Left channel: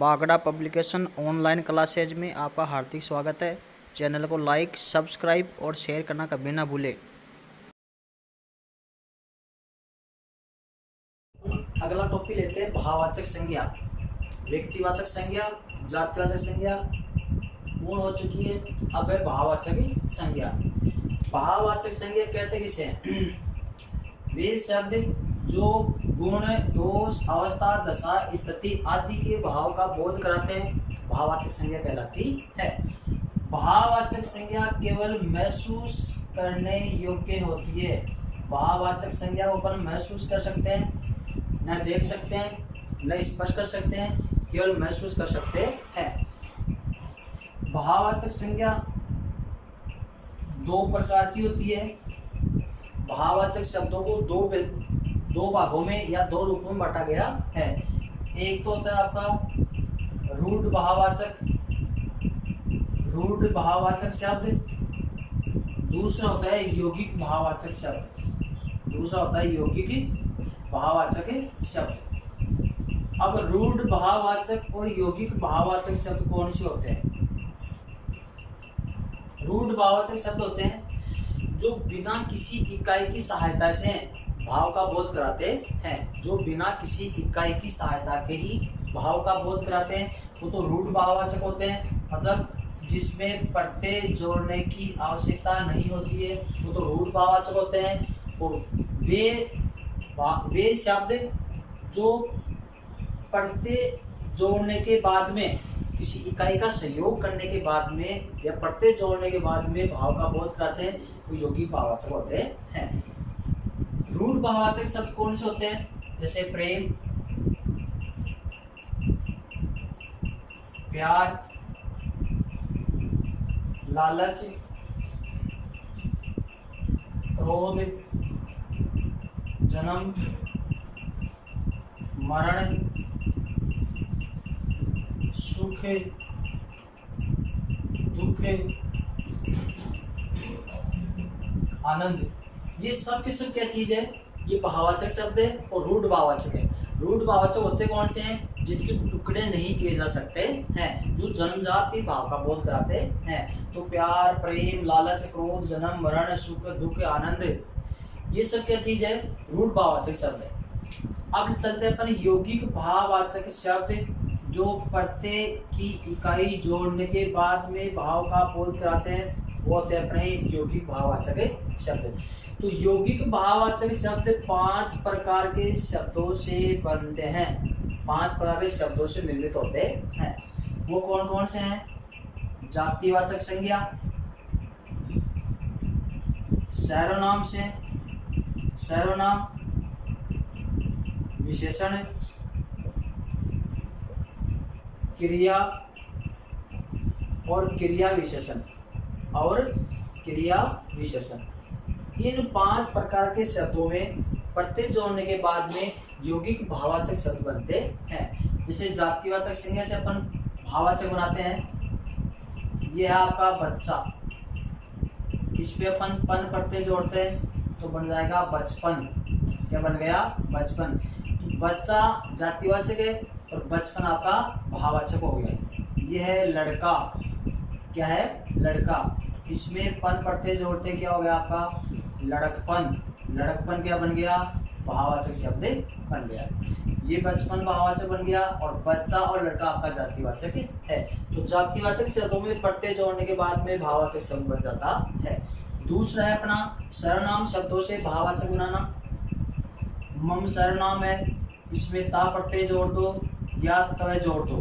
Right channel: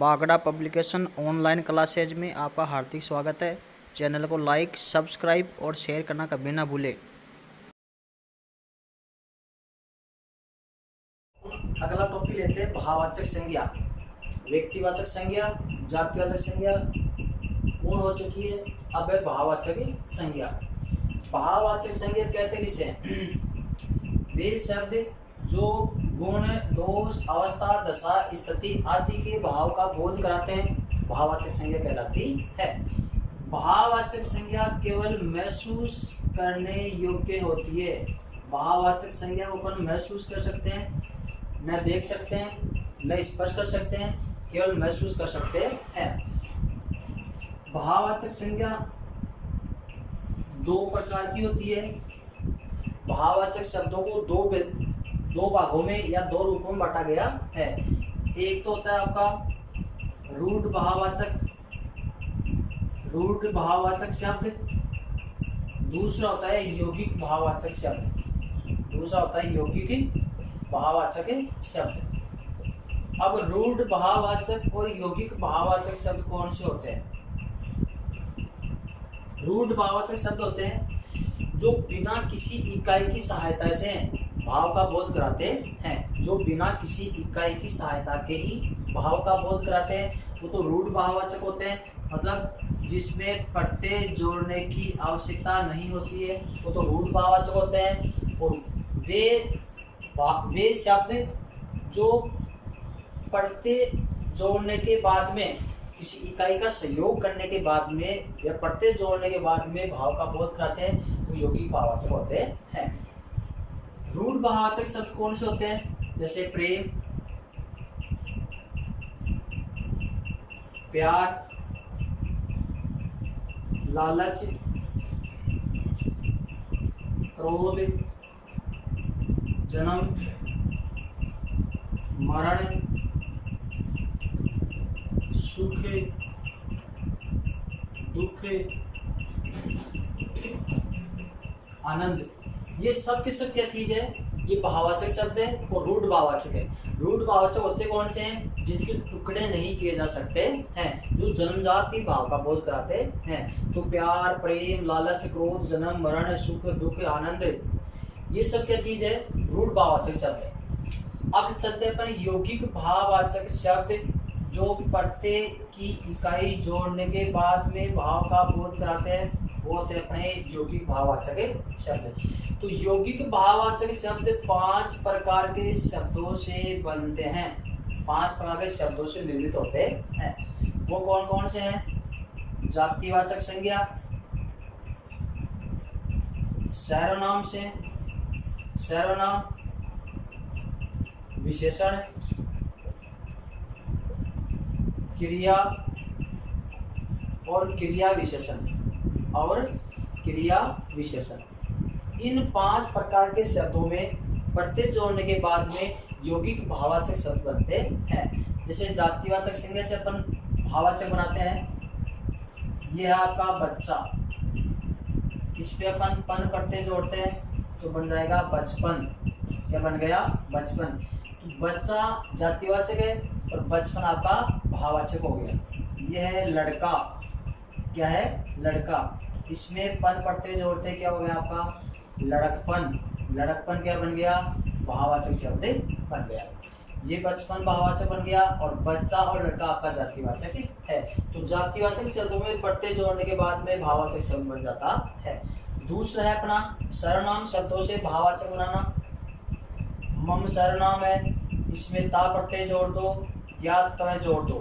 Bagda publication online classes में आपका हार्दिक स्वागत है। चैनल को लाइक, सब्सक्राइब और शेयर करना कभी ना भूलें। अगला टॉपिक लेते हैं भाववाचक संज्ञा। व्यक्तिवाचक संज्ञा, जातिवाचक संज्ञा पूर्ण हो चुकी है। अब है भाववाचक संज्ञा। भाववाचक संज्ञा कहते किसे? वे शब्द जो गुण, दोष, अवस्था, दशा, स्थिति आदि के भाव का बोध कराते हैं, भाववाचक संज्ञा कहलाती है। भाववाचक संज्ञा केवल महसूस करने योग्य होती है। भाववाचक संज्ञा को अपन महसूस कर सकते हैं, न देख सकते हैं, न स्पर्श कर सकते हैं, केवल महसूस कर सकते हैं। भाववाचक संज्ञा दो प्रकार की होती है। भाववाचक शब्दों को दो भागों में या दो रूपों में बांटा गया है। एक तो होता है आपका रूढ़ भाववाचक शब्द, दूसरा होता है यौगिक भाववाचक शब्द। अब रूढ़ भाववाचक और यौगिक भाववाचक शब्द कौन से होते हैं? रूढ़ भाववाचक शब्द होते हैं जो बिना किसी इकाई की सहायता से भाव का बोध कराते हैं। जो बिना किसी इकाई की सहायता के ही भाव का बोध कराते हैं, वो तो रूढ़ भाववाचक होते हैं। मतलब जिसमें प्रत्यय जोड़ने की आवश्यकता नहीं होती है, वो तो रूढ़ भाववाचक होते हैं। और वे शब्द जो प्रत्यय जोड़ने के बाद में, किसी इकाई का सहयोग करने के बाद में या प्रत्यय जोड़ने के बाद में भाव का बोध कराते हैं, वो यौगिक भाववाचक होते हैं। रूढ़ भाववाचक शब्द कौन से होते हैं? जैसे प्रेम, प्यार, लालच, क्रोध, जन्म, मरण, सुख, दुख, आनंद, ये सब की सब क्या चीज है? ये भाववाचक शब्द है और रूढ़ भाववाचक है। रूढ़ भाववाचक होते कौन से हैं? जिनके टुकड़े नहीं किए जा सकते हैं, जो जन्मजात ही भाव का बोध कराते हैं। तो प्यार, प्रेम, लालच, क्रोध, जन्म, मरण, सुख, दुख, आनंद, ये सब क्या चीज है? रूढ़ भाववाचक शब्द है। अब चलते हैं अपन यौगिक भाववाचक शब्द, जो प्रत्यय की इकाई जोड़ने के बाद में भाव का बोध कराते हैं, वो होते हैं अपने यौगिक भाववाचक शब्द। तो यौगिक भाववाचक शब्द 5 प्रकार के शब्दों से बनते हैं, 5 प्रकार के शब्दों से निर्मित होते हैं। वो कौन कौन से हैं? जातिवाचक संज्ञा, सर्वनाम से सर्वनाम, विशेषण, क्रिया और क्रिया विशेषण। इन 5 प्रकार के शब्दों में प्रत्यय जोड़ने के बाद में यौगिक भाववाचक शब्द बनते हैं। जैसे जातिवाचक संज्ञा से अपन भाववाचक बनाते हैं। यह है आपका बच्चा, इस पे अपन पन प्रत्यय जोड़ते हैं तो बन जाएगा बचपन। क्या बन गया? बचपन। तो बच्चा जातिवाचक है और बचपन आपका भाववाचक हो गया। यह है लड़का, क्या है? लड़का। इसमें पन प्रत्यय जोड़ते क्या हो गया आपका? लड़कपन। लड़कपन क्या बन गया? भाववाचक शब्द बन गया। ये बचपन भाववाचक बन गया और बच्चा और लड़का आपका जातिवाचक है। तो जातिवाचक शब्दों में प्रत्यय जोड़ने के बाद में भाववाचक शब्द बन जाता है। दूसरा है अपना सर्वनाम शब्दों से भाववाचक बनाना। मम सर्वनाम है, इसमें ता प्रत्यय जोड़ दो या तय जोड़ दो।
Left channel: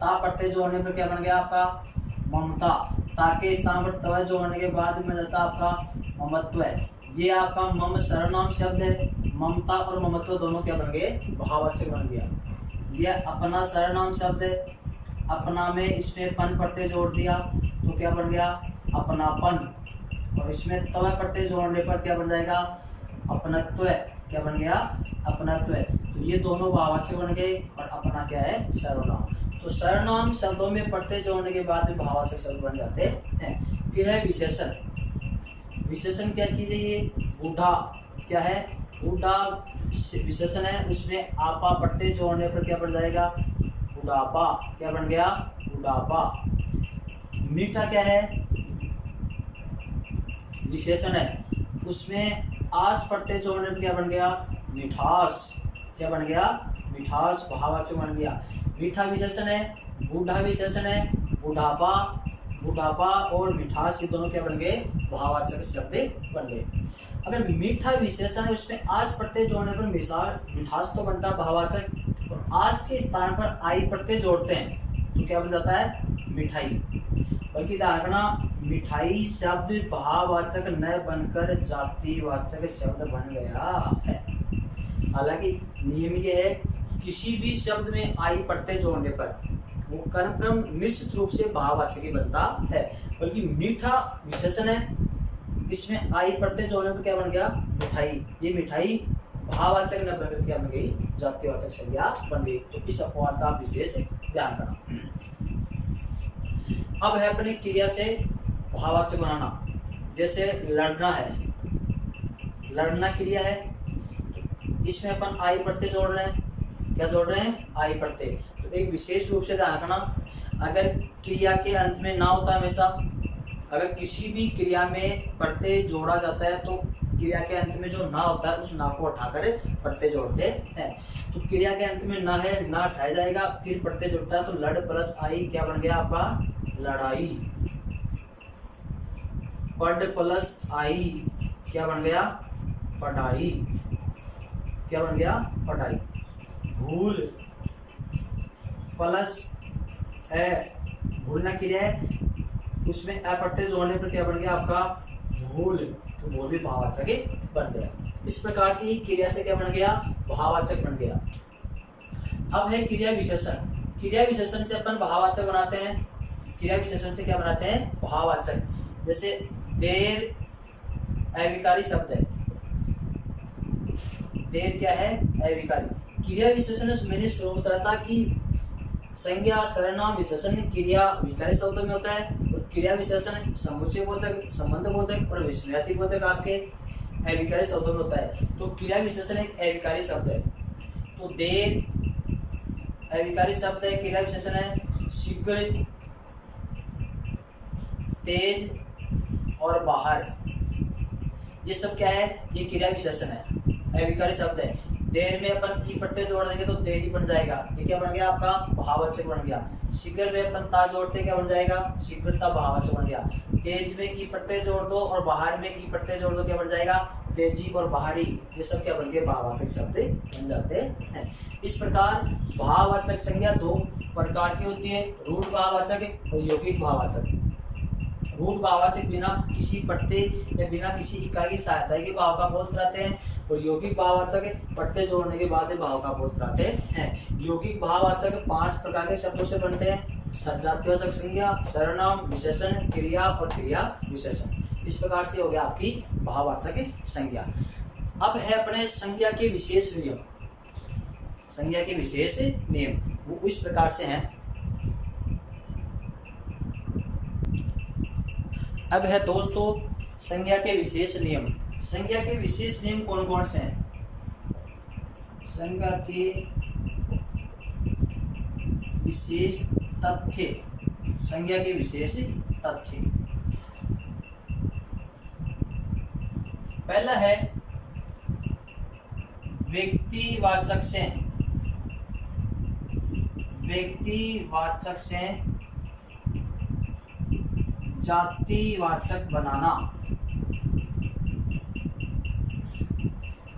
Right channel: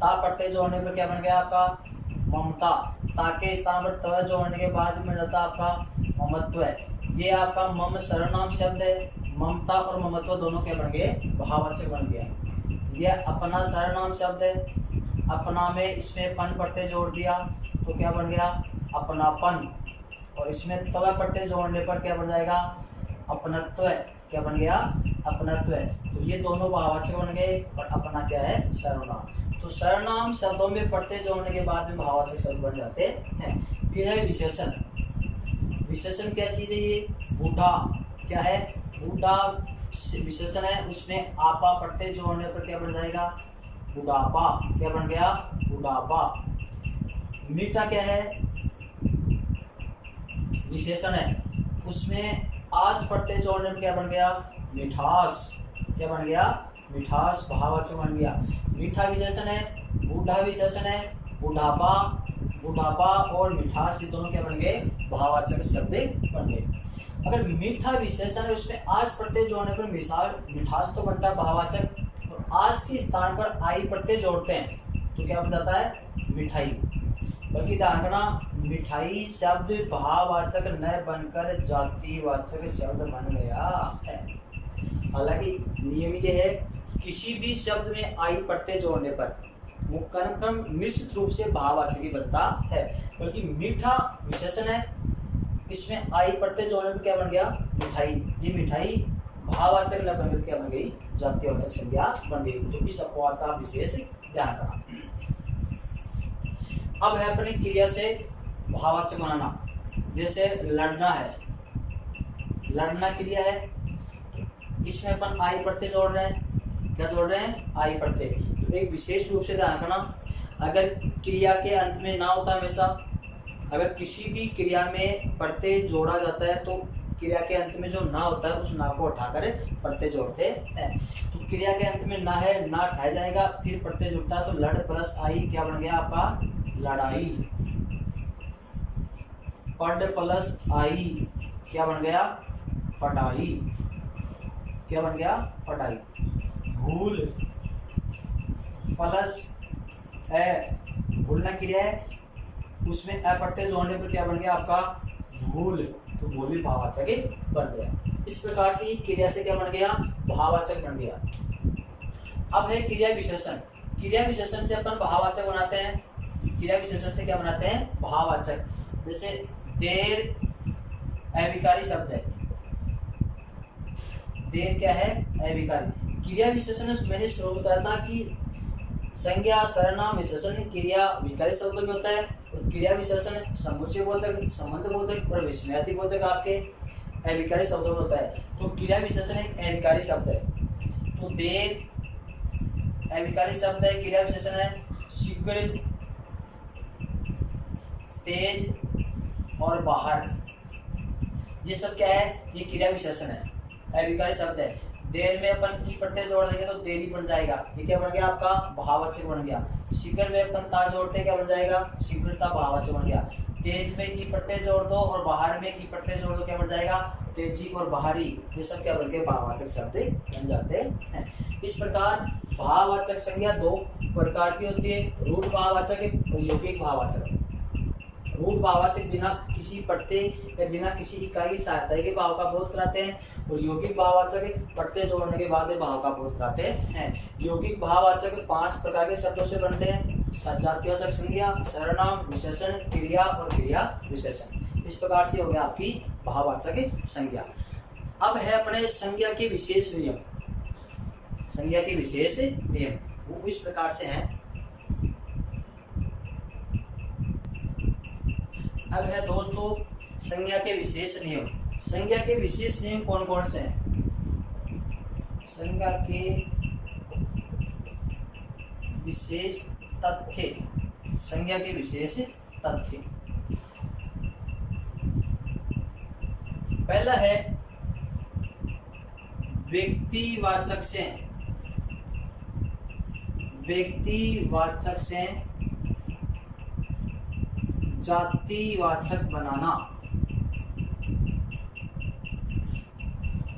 ता प्रत्यय जोड़ने पर क्या बन गया आपका? ममता। ता के स्थान पर तय जोड़ने के बाद में जाता आपका ममत्व है। ये आपका मम सर्वनाम शब्द है। ममता और ममत्व दोनों क्या बन गए? भाववाचक बन गया। यह अपना सर्वनाम शब्द है। अपना में इसमें पन प्रत्यय जोड़ दिया तो क्या बन गया? अपनापन। और इसमें तय प्रत्यय जोड़ने पर क्या बन जाएगा? अपनत्व। क्या बन गया? अपनत्व। तो ये दोनों भाववाचक बन गए और अपना क्या है? सर्वनाम। तो सर्वनाम शब्दों में प्रत्यय जोड़ने के बाद में भाववाचक शब्द बन जाते हैं। फिर है विशेषण। विशेषण क्या चीज़ है? ये बूढ़ा, क्या है? बूढ़ा विशेषण है, उसमें आपा प्रत्यय जोड़ने पर क्या बन जाएगा? बुढ़ापा, क्या बन गया, बुढ़ापा। मीठा क्या है, विशेषण है, उसमें आस पड़ते जोड़ने में क्या बन गया, मिठास, क्या बन गया, मिठास, भाववाचक बन गया। मीठा विशेषण है, बूढ़ा विशेषण है, बुढ़ापा, बुढ़ापा और मिठास, ये दोनों क्या बन गए, भाववाचक शब्द बन गए। अगर मीठा विशेषण है उसमें आज प्रत्यय जोड़ने पर मिठास तो बनता है भाववाचक, और आज के स्थान पर आई प्रत्यय जोड़ते हैं तो क्या बन जाता है, मिठाई। बल्कि ध्यान रखना, मिठाई शब्द भाववाचक न बनकर जातिवाचक शब्द बन गया है। हालांकि नियम ये है, किसी भी शब्द में आई प्रत्यय जोड़ने पर वो कर्म निश्चित रूप से भाववाचक ही बनता है। बल्कि मीठा विशेषण है, इसमें आई प्रत्यय जोड़ने पर क्या बन गया, मिठाई। ये मिठाई भाववाचक न बनकर क्या बन गई, जातिवाचक संज्ञा बन गई। तो इस अपवाद का विशेष ध्यान रखना। अब है अपनी क्रिया से भाववाचक बनाना। जैसे लड़ना है, लड़ना क्रिया है, इसमें अपन आई प्रत्यय जोड़ रहे हैं, क्या जोड़ रहे हैं, आई प्रत्यय। तो एक विशेष रूप से ध्यान रखना, अगर क्रिया के अंत में ना होता हमेशा, अगर किसी भी क्रिया में प्रत्यय जोड़ा जाता है तो क्रिया के अंत में जो ना होता है उस ना को उठाकर प्रत्यय जोड़ते हैं। तो क्रिया के अंत में ना है, ना उठाया जाएगा, फिर प्रत्यय जुड़ता है तो लड़ प्लस आई क्या बन गया आपका, लड़ाई। पढ़ प्लस आई क्या बन गया, पढ़ाई, क्या बन गया, पढ़ाई। भूल प्लस ए, भूलना क्रिया है, उसमें अ प्रत्यय जोड़ने पर क्या बन गया आपका, भूल। तो भूल भी भाववाचक बन गया। इस प्रकार से क्रिया से क्या बन गया, भाववाचक बन गया। अब है क्रिया विशेषण। क्रिया विशेषण से अपन भाववाचक बनाते हैं, क्रिया विशेषण से क्या बनाते हैं, भाववाचक। जैसे देर अविकारी शब्द है, देर क्या है, अविकारी। क्रिया विशेषण मैंने शुरू बताया था कि संज्ञा, सर्वनाम, विशेषण क्रिया विकारी शब्दों में होता है, और क्रिया विशेषण समुच्चय बोधक, संबंध बोधक और विस्मयाति बोधक आपके अविकारी शब्दों में होता है। तो क्रिया विशेषण एक अविकारी शब्द है। तो देर अविकारी शब्द है, क्रिया विशेषण है। शीघ्र, तेज और बाहर, ये सब क्या है, ये क्रिया विशेषण है, अविकारी शब्द है। देर में अपन ई प्रत्यय जोड़ देंगे तो देरी बन जाएगा, ये क्या बन गया आपका, भाववाचक बन गया। शीघ्र में अपन ता जोड़ते क्या बन जाएगा, शीघ्रता, भाववाचक बन गया। तेज में ई प्रत्यय जोड़ दो और बाहर में ई प्रत्यय जोड़ दो, क्या बन जाएगा, तेजी और बाहरी, ये सब क्या बन के भाववाचक शब्द बन जाते हैं। इस प्रकार भाववाचक संज्ञा दो प्रकार की होती है, रूढ़ भाववाचक और यौगिक भाववाचक। रूढ़ भाववाचक बिना किसी प्रत्यय या बिना किसी इकाई की सहायता के भाव का बोध कराते हैं, और यौगिक भाववाचक प्रत्यय जोड़ने के बाद भाव का बोध कराते हैं। यौगिक भाववाचक 5 प्रकार के शब्दों से बनते हैं, जातिवाचक संज्ञा, सर्वनाम, विशेषण, क्रिया और क्रिया विशेषण। इस प्रकार से हो गया आपकी भाववाचक संज्ञा। अब है अपने संज्ञा के विशेष नियम। संज्ञा के विशेष नियम वो इस प्रकार से हैं। अब है दोस्तों संज्ञा के विशेष नियम। संज्ञा के विशेष नियम कौन कौन से हैं? संज्ञा के विशेष तथ्य, संज्ञा के विशेष तथ्य। पहला है व्यक्तिवाचक से, व्यक्तिवाचक से जातिवाचक बनाना।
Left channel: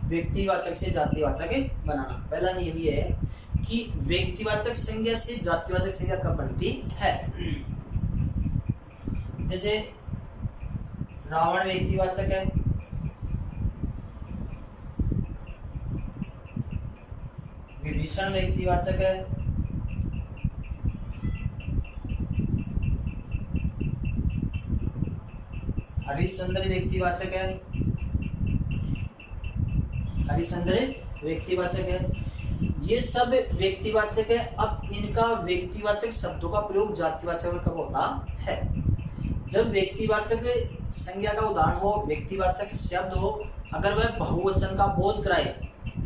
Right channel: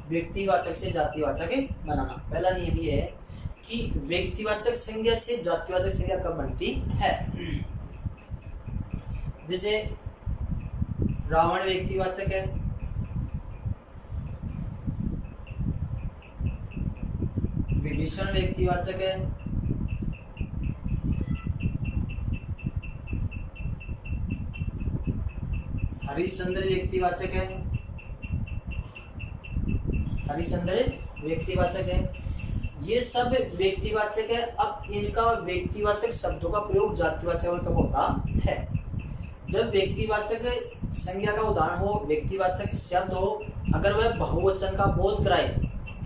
व्यक्तिवाचक से जातिवाचक बनाना। पहला नियम ये है कि व्यक्तिवाचक संज्ञा से जातिवाचक संज्ञा कब बनती है। जैसे रावण व्यक्तिवाचक है, विभीषण व्यक्तिवाचक है, हरिश्चंद्र व्यक्तिवाचक है, हरिश्चंद्र व्यक्तिवाचक है। ये सब व्यक्तिवाचक है। अब इनका व्यक्तिवाचक शब्दों का प्रयोग जातिवाचक में कब होता है? जब व्यक्तिवाचक संज्ञा का उदाहरण हो, व्यक्तिवाचक शब्द हो, अगर वह बहुवचन का बोध कराए,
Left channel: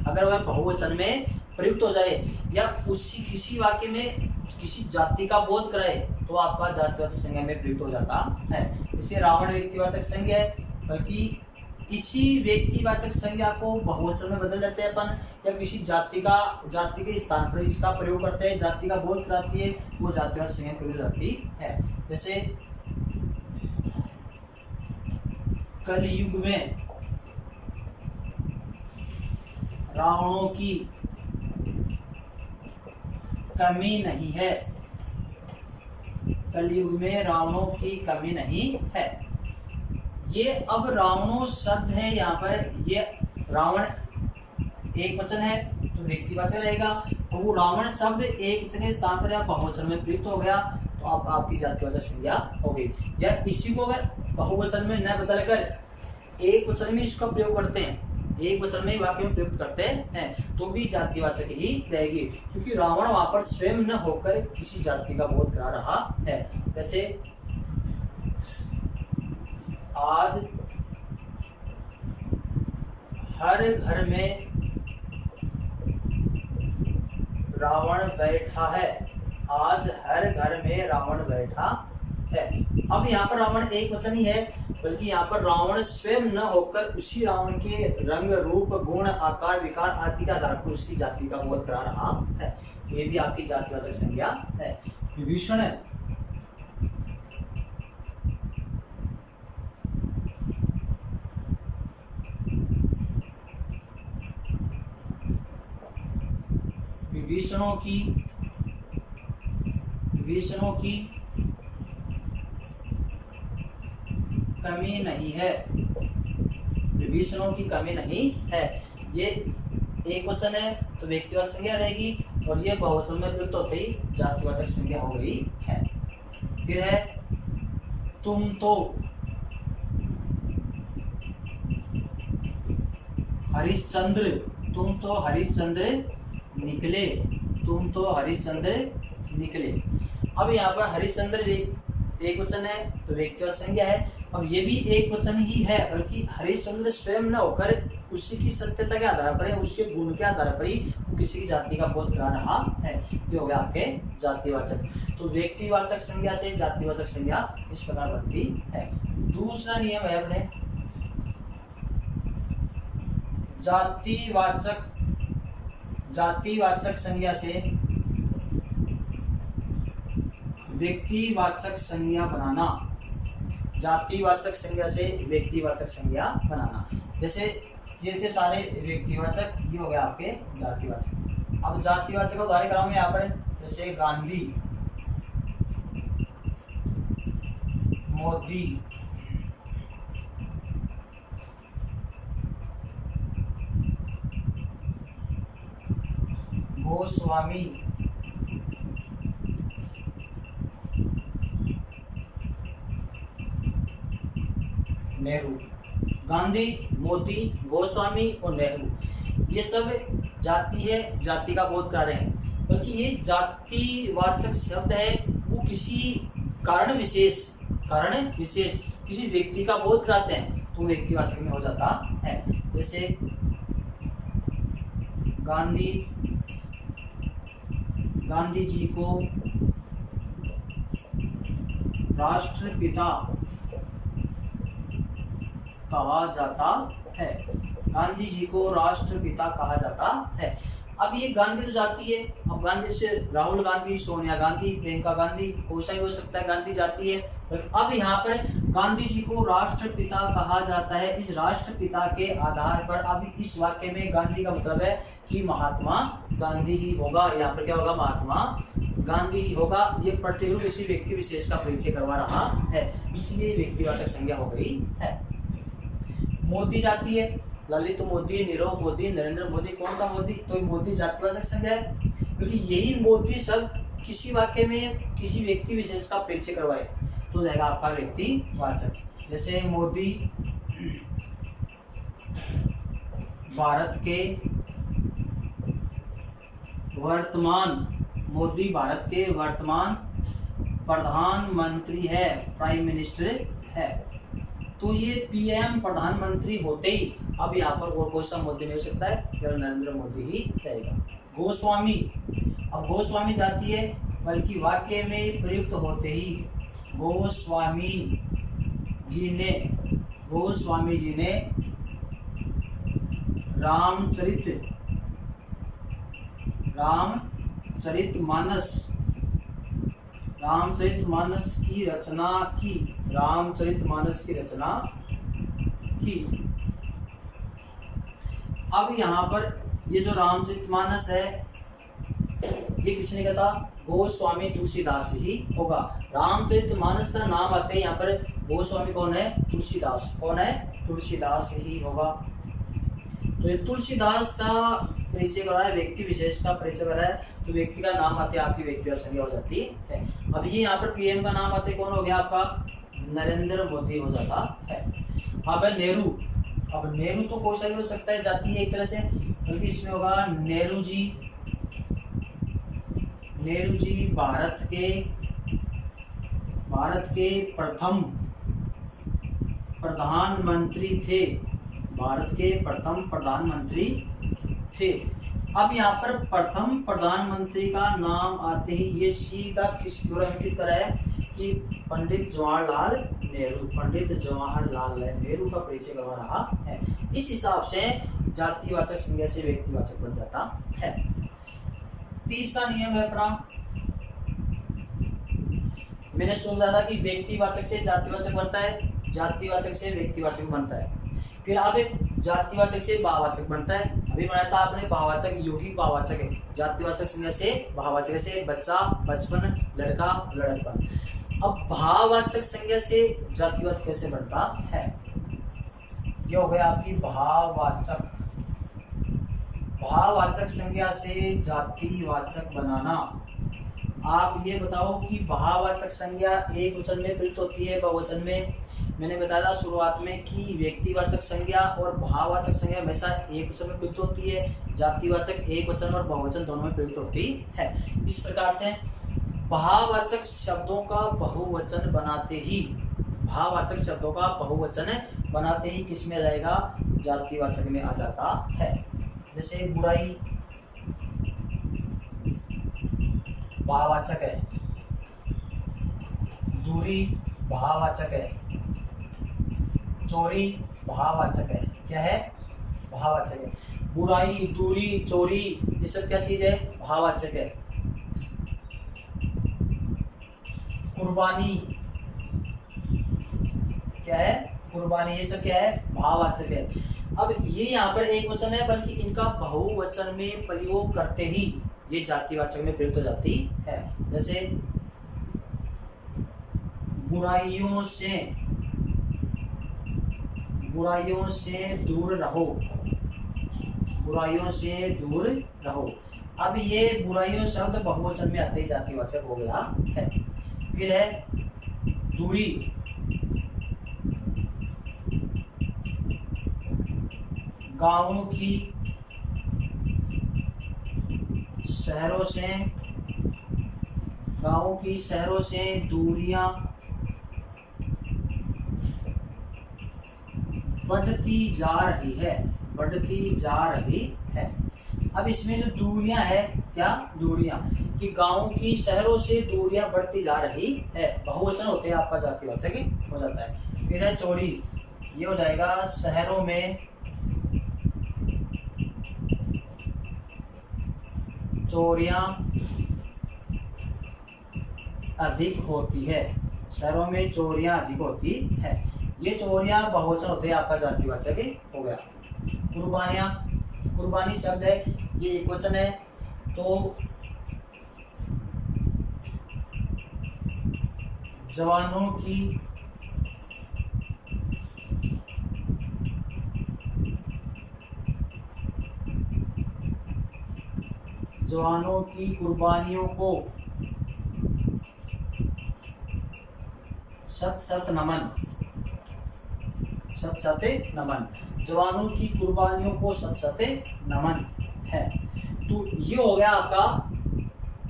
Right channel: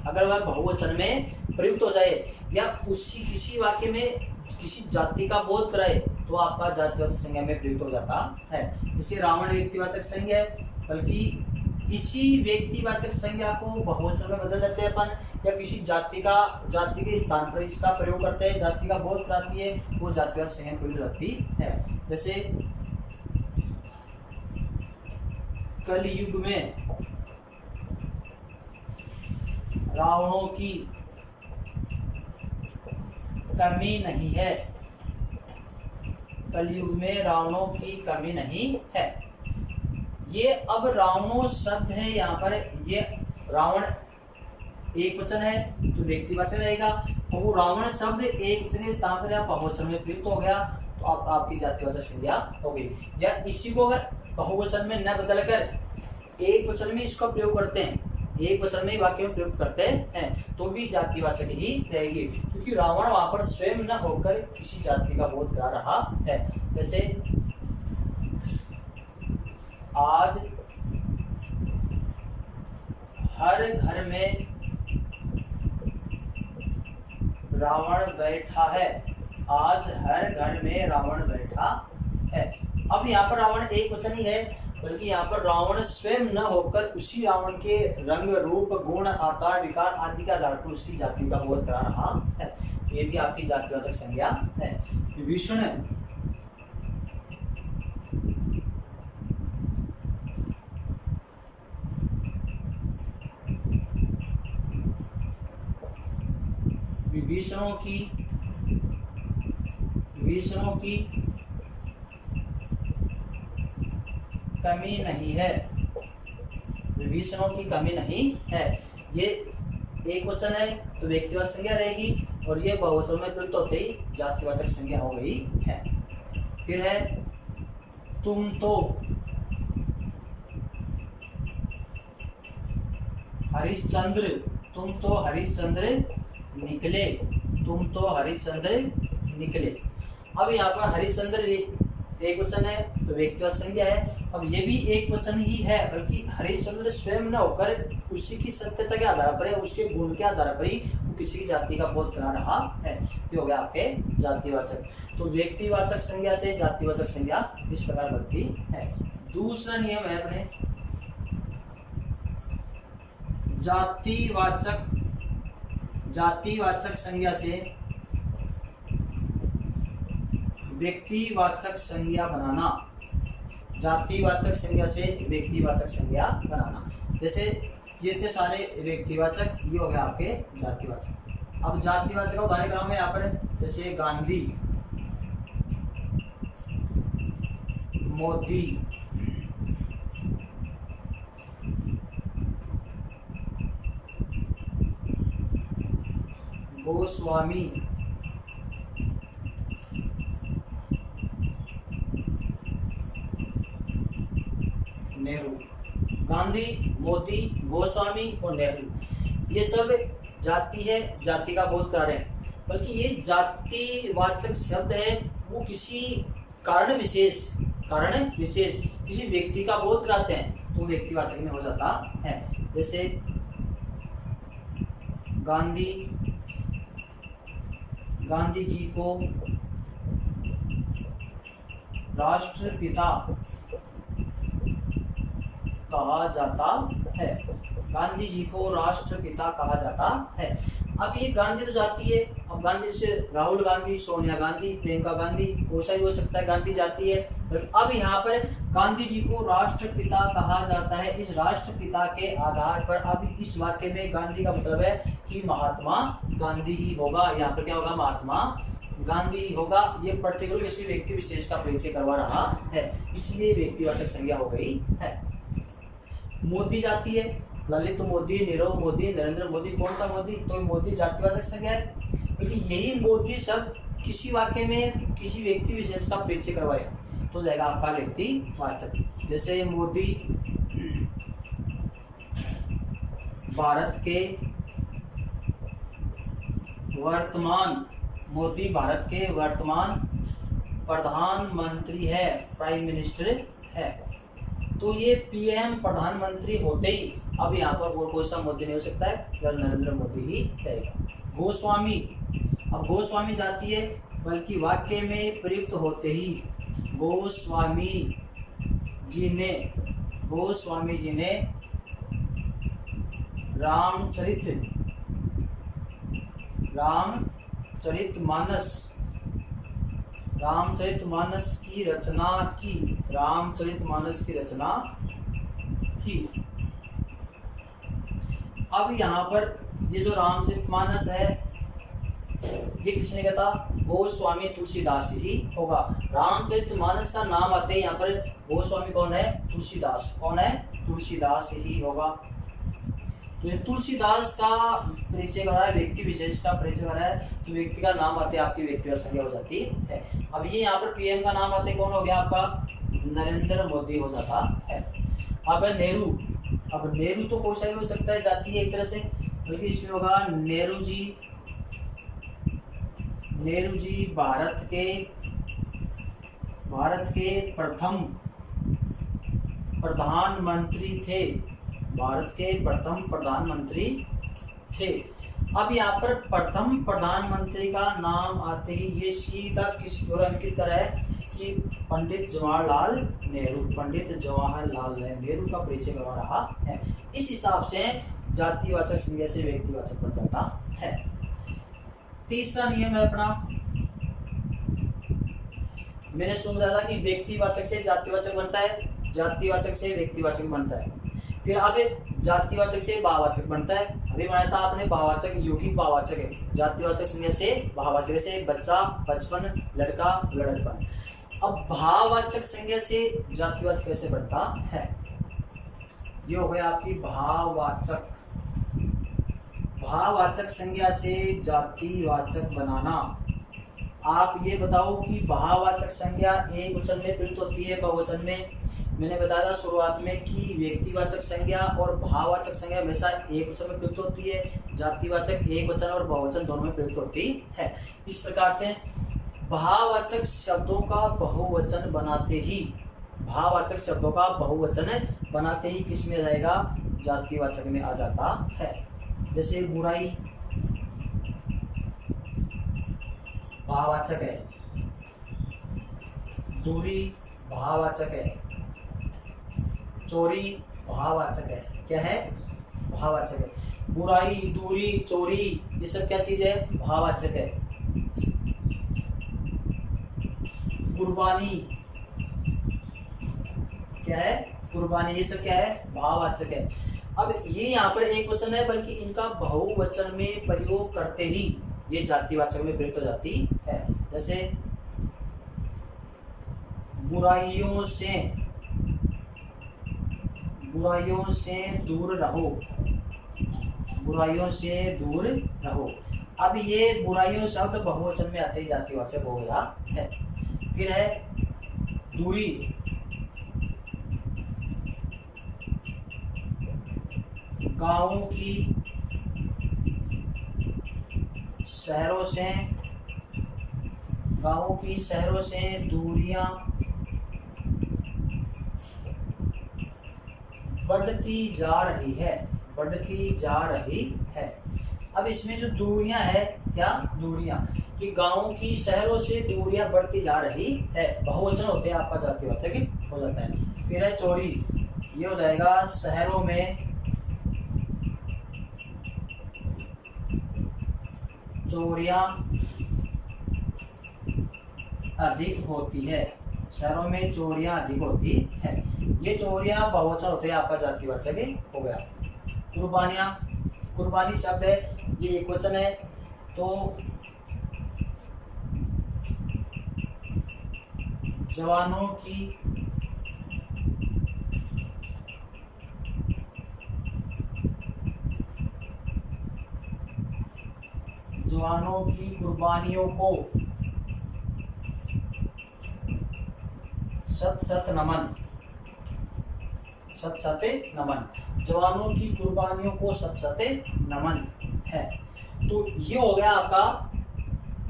अगर वह बहुवचन में प्रयुक्त हो जाए या उसी किसी वाक्य में किसी जाति का बोध कराए तो आपका जातिवाचक संज्ञा में प्रयुक्त हो जाता है। जैसे रावण व्यक्तिवाचक संज्ञा है, बल्कि इसी व्यक्तिवाचक संज्ञा को बहुवचन में बदल देते हैं अपन, या किसी जाति के स्थान पर इसका प्रयोग करते हैं, जाति का बोध कराती है, वो जातिवाचक संज्ञा प्रयुक्त हो जाती है। जैसे कलयुग में रावणों की कमी नहीं है, कलयुग में रावणों की कमी नहीं है। ये अब रावणों शब्द है, यहाँ पर ये रावण एक वचन है तो व्यक्तिवाचक रहेगा, तो वो रावण शब्द एक वचन के स्थान पर या बहुवचन में प्रयुक्त हो गया तो अब आपकी जातिवाचक संज्ञा हो गई। या इसी को अगर बहुवचन में न बदलकर एक वचन में इसका प्रयोग करते हैं, एक वचन में ही वाक्य में प्रयुक्त करते हैं तो भी जातिवाचक ही रहेगी, क्योंकि रावण वहां पर स्वयं न होकर किसी जाति का बोध करा रहा है। जैसे आज हर घर में रावण बैठा है, आज हर घर में रावण बैठा है। अब यहाँ पर रावण एक वचन ही है, बल्कि यहाँ पर रावण स्वयं न होकर उसी रावण के रंग रूप गुण आकार विकार आदि के आधार पर उसकी जाति का बोध करा रहा है। ये भी आपकी जातिवाचक संज्ञा है। विभीषण विभीषणों की कमी नहीं है, विभीषणों की कमी नहीं है। ये एक वचन है तो व्यक्तिवाचक संज्ञा रहेगी, और ये बहुवचन में प्रयुक्त होते ही जातिवाचक संज्ञा हो गई है। फिर है तुम तो हरिश्चंद्र, तुम तो हरिश्चंद्र निकले, तुम तो हरिश्चंद्र निकले। अब यहाँ पर हरिश्चंद्र एक वचन है तो व्यक्तिवाचक संज्ञा है। अब ये भी एक वचन ही है, बल्कि हरिश्चंद्र स्वयं न होकर उसी की सत्यता के आधार पर, उसके गुण के आधार पर ही वो किसी की जाति का बोध करा रहा है। ये हो गया आपके जातिवाचक। तो व्यक्तिवाचक संज्ञा से जातिवाचक संज्ञा इस प्रकार बनती है। दूसरा नियम है अपने जातिवाचक संज्ञा से व्यक्तिवाचक संज्ञा बनाना, जातिवाचक संज्ञा से व्यक्तिवाचक संज्ञा बनाना। जैसे ये थे सारे व्यक्तिवाचक, ये हो गया आपके जातिवाचक। अब जातिवाचक का उदाहरण क्रम में यहाँ पर जैसे गांधी, मोदी, गोस्वामी, नेहरू। गांधी, मोदी, गोस्वामी और नेहरू ये सब जाति है, जाति का बोध कर रहे हैं। बल्कि ये जातिवाचक शब्द है, वो किसी कारण विशेष किसी व्यक्ति का बोध कराते हैं तो व्यक्तिवाचक में हो जाता है। जैसे गांधी जी को राष्ट्रपिता कहा जाता है, गांधी जी को राष्ट्रपिता कहा जाता है। अब ये गांधी तो जाति है, अब गांधी से राहुल गांधी, सोनिया गांधी, प्रियंका गांधी, कोई सा भी हो सकता है, गांधी जाति है। अब यहाँ पर गांधी जी को राष्ट्रपिता कहा जाता है। इस राष्ट्रपिता के आधार पर अब इस वाक्य में गांधी का मतलब है कि महात्मा गांधी ही होगा। यहाँ पर क्या होगा, महात्मा गांधी ही होगा। ये पर्टिकुलर किसी व्यक्ति विशेष का परिचय करवा रहा है, इसलिए व्यक्तिवाचक संज्ञा हो गई है। मोदी जाति है, ललित मोदी, नीरव मोदी, नरेंद्र मोदी, कौन सा मोदी, तो मोदी जातिवाचक संज्ञा है, क्योंकि यही मोदी शब्द किसी वाक्य में किसी व्यक्ति विशेष का परिचय करवाए तो रहेगा आपका व्यक्तिवाचक। जैसे मोदी भारत के वर्तमान प्रधानमंत्री है, प्राइम मिनिस्टर है, तो ये पीएम प्रधानमंत्री होते ही अब यहाँ पर और कोई सा मोदी नहीं हो सकता है, केवल नरेंद्र मोदी ही रहेगा। गोस्वामी, अब गोस्वामी जाती है बल्कि वाक्य में प्रयुक्त होते ही गोस्वामी जी ने रामचरितमानस की रचना की। अब यहाँ पर ये जो रामचरितमानस है ये किसने कहा था? गोस्वामी तुलसीदास ही होगा। रामचरितमानस का नाम आते हैं यहाँ पर गोस्वामी कौन है? तुलसीदास। कौन है? तुलसीदास ही होगा। तो ये तुलसीदास का परिचय बना है, व्यक्ति विशेष का परिचय बना है, तो व्यक्ति का नाम आते आपकी व्यक्तिगत संज्ञा हो जाती है। अब ये यहाँ पर पीएम का नाम आते कौन हो गया आपका? नरेंद्र मोदी हो जाता है। अब है नेहरू। अब नेहरू तो कोई सा भी हो सकता है, जाति है एक तरह से, बल्कि इसमें होगा नेहरू जी भारत के प्रथम प्रधानमंत्री थे। भारत के प्रथम प्रधानमंत्री थे। अब यहाँ पर प्रथम प्रधानमंत्री का नाम आते ही ये सीधा किसकी ओर अंकित करा है कि पंडित जवाहरलाल नेहरू का परिचय करवा रहा है। इस हिसाब से जातिवाचक संज्ञा से व्यक्तिवाचक बन जाता है। तीसरा नियम है अपना, मैंने समझा था कि व्यक्तिवाचक से जातिवाचक बनता है, जातिवाचक से व्यक्तिवाचक बनता है, फिर अब जातिवाचक से भाववाचक बनता है। अभी बनाया था आपने भाववाचक, यौगिक भाववाचक है। जातिवाचक संज्ञा से भाववाचक से बच्चा, बचपन, लड़का, लड़कपन। अब भाववाचक संज्ञा से जातिवाचक कैसे बनता है? ये हो गया आपकी भाववाचक संज्ञा से जातिवाचक बनाना। आप ये बताओ कि भाववाचक संज्ञा एक वचन में प्रयुक्त होती है, बहुवचन में? मैंने बताया था शुरुआत में कि व्यक्तिवाचक संज्ञा और भाववाचक संज्ञा हमेशा एक वचन में प्रयुक्त होती है, जातिवाचक एक वचन और बहुवचन दोनों में प्रयुक्त होती है। इस प्रकार से भाववाचक शब्दों का बहुवचन बनाते ही किस में आ जाएगा? जातिवाचक में आ जाता है। जैसे बुराई भाववाचक है, दूरी भाववाचक है, चोरी भाववाचक है। क्या है? भाववाचक है। बुराई, दूरी, चोरी ये सब क्या चीज है? भाववाचक है। कुर्बानी क्या है? कुर्बानी, ये सब क्या है? भाववाचक है। अब ये यहाँ पर एक वचन है, बल्कि इनका बहुवचन में प्रयोग करते ही ये जातिवाचक में प्रयुक्त हो जाती है। जैसे बुराइयों से दूर रहो। अब ये बुराइयों शब्द बहुवचन में आते ही जातिवाचक हो गया है। फिर है दूरी, गांवों की शहरों से दूरियां बढ़ती जा रही है। अब इसमें जो दूरियां है, क्या दूरियां, कि गांवों की शहरों से दूरियां बढ़ती जा रही है, बहुवचन होते हैं, आपका जातिवाचक हो जाता है। फिर है चोरी, ये हो जाएगा शहरों में चोरियां अधिक होती है। शहरों में चोरियां अधिक होती है। ये चोरियां बहुवचन होते हैं, आपका जातिवाचक हो गया। कुर्बानी शब्द है, ये एक वचन है, तो जवानों की कुर्बानियों को सत नमन। जवानों की कुर्बानियों को सत नमन है। तो ये हो गया आपका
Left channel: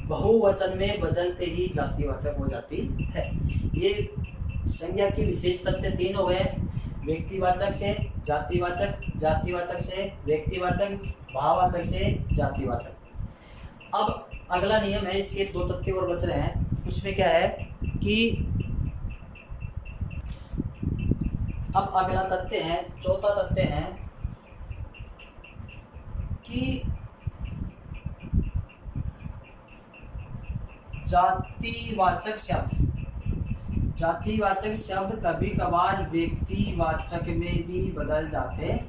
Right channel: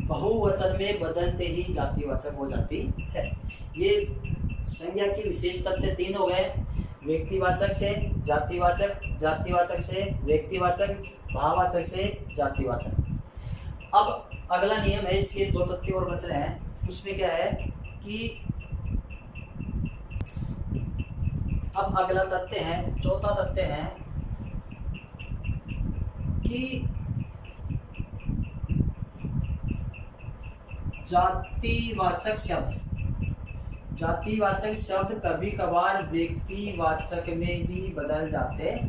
बहुवचन में बदलते ही जातिवाचक हो जाती है। ये संज्ञा के विशेष तथ्य 3 हो गए। व्यक्तिवाचक से जातिवाचक, जातिवाचक से व्यक्तिवाचक, भाववाचक से जातिवाचक। अब अगला नियम है, इसके 2 तथ्य और बच रहे हैं। उसमें क्या है कि अब अगला तथ्य है, चौथा तथ्य है कि जातिवाचक शब्द कभी कभार व्यक्तिवाचक में भी बदल जाते हैं।